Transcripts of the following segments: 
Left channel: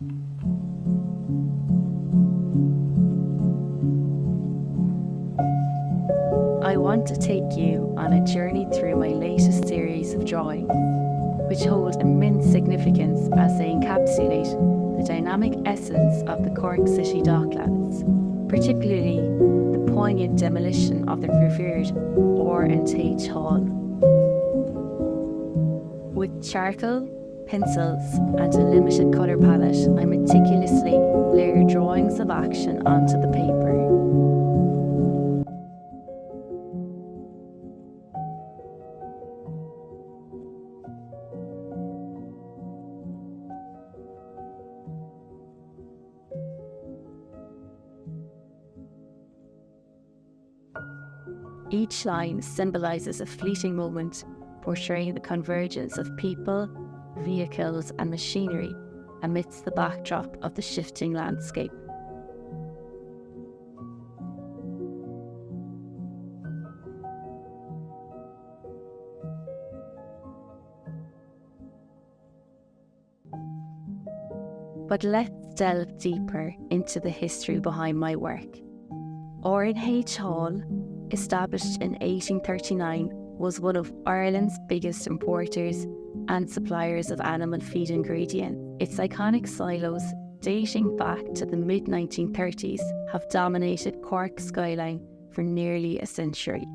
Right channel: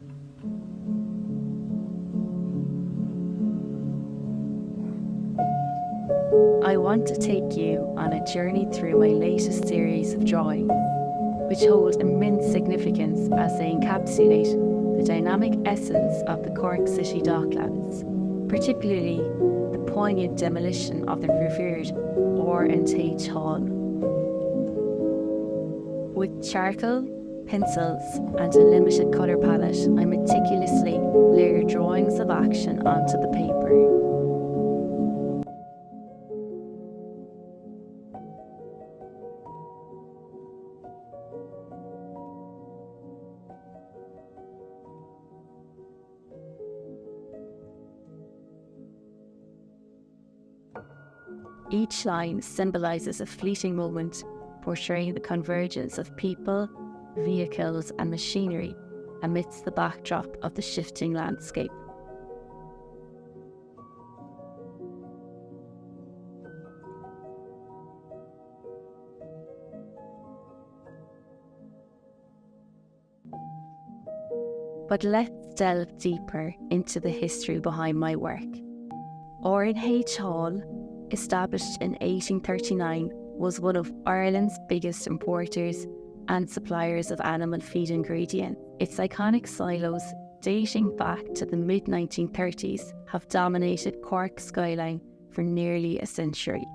I want to take you on a journey through my latest series of drawings, which hold immense significance as they encapsulate the dynamic essence of the Cork City Docklands, particularly the poignant demolition of the revered R&H Hall. With charcoal, pencils and a limited colour palette, I meticulously layer drawings of action onto the paper. Each line symbolises a fleeting moment, portraying the convergence of people, vehicles and machinery amidst the backdrop of the shifting landscape. But let's delve deeper into the history behind my work. R&H Hall, established in 1839, was one of Ireland's biggest importers and suppliers of animal feed ingredients. Its iconic silos, dating back to the mid-1930s, have dominated Cork's skyline for nearly a century.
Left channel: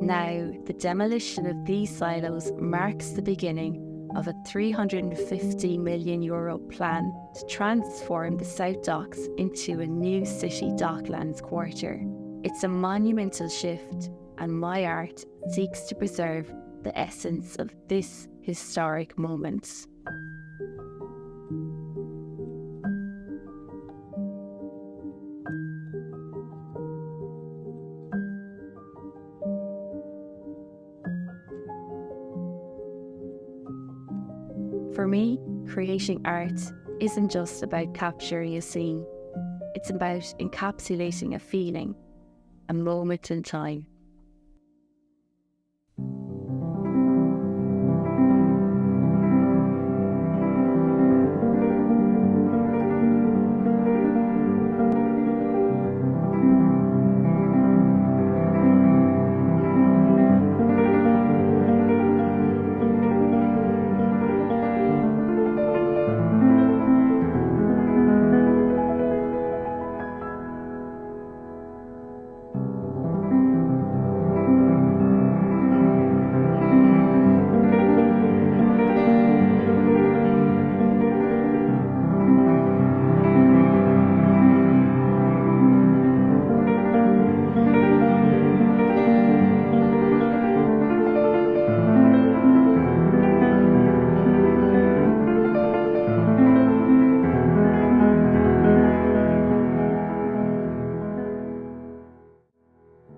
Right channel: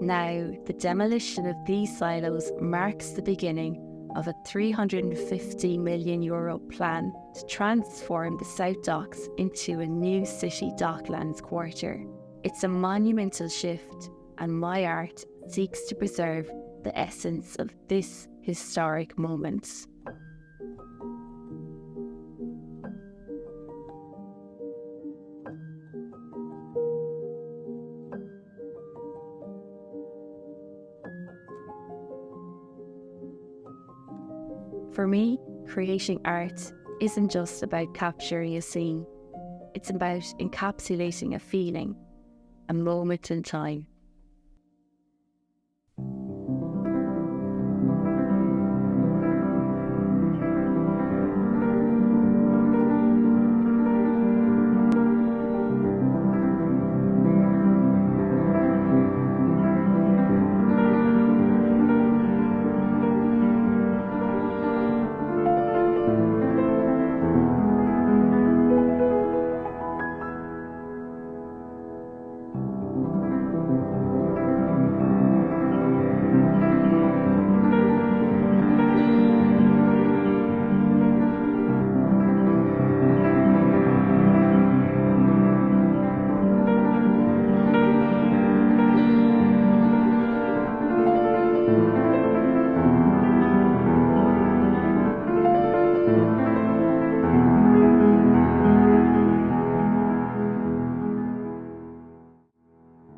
Now, the demolition of these silos marks the beginning of a €350 million plan to transform the South Docks into a new city docklands quarter. It's a monumental shift, and my art seeks to preserve the essence of this historic moment. For me, creating art isn't just about capturing a scene. It's about encapsulating a feeling, a moment in time.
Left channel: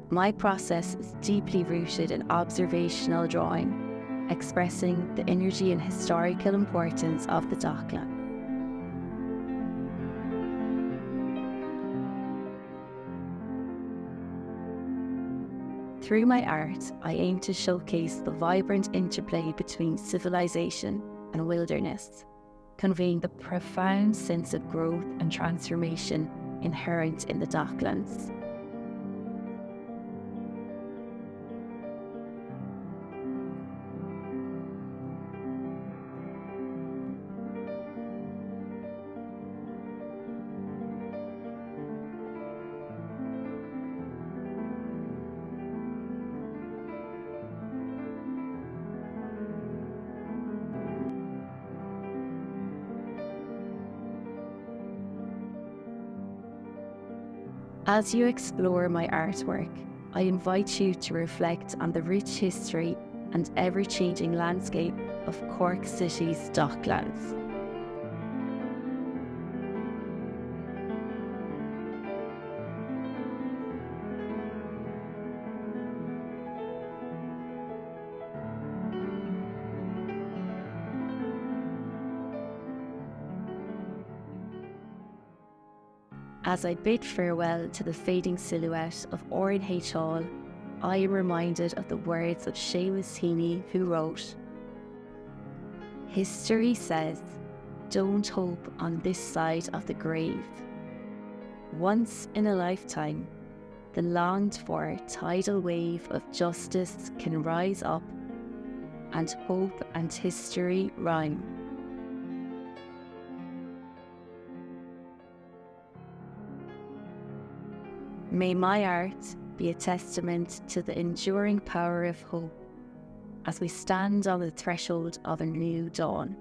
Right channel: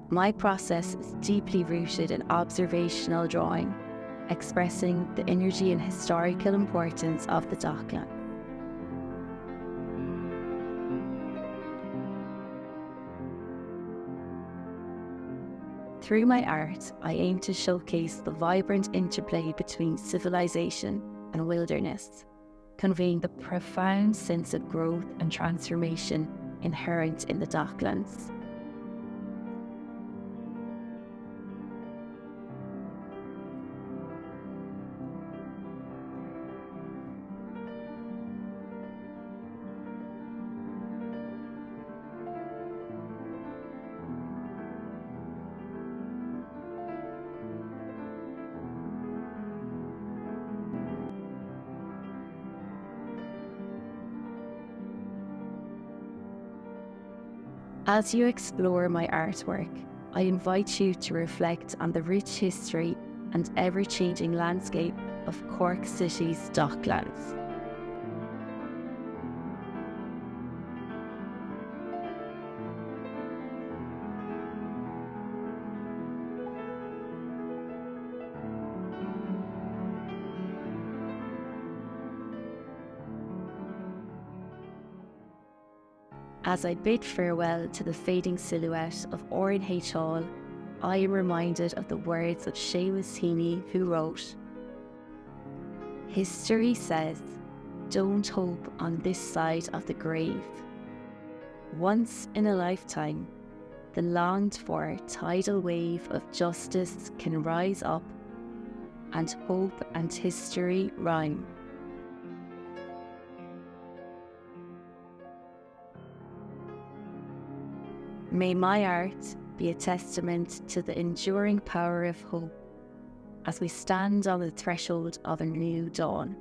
My process is deeply rooted in observational drawing, expressing the energy and historical importance of the Docklands. Through my art, I aim to showcase the vibrant interplay between civilization and wilderness, conveying the profound sense of growth and transformation inherent in the Docklands. As you explore my artwork, I invite you to reflect on the rich history and ever-changing landscape of Cork City's Docklands. As I bid farewell to the fading silhouette of R&H Hall, I am reminded of the words of Seamus Heaney, who wrote, History says, don't hope on this side of the grave. Once in a lifetime, the longed-for tidal wave of justice can rise up, and hope and history rhyme. May my art be a testament to the enduring power of hope as we stand on the threshold of a new dawn.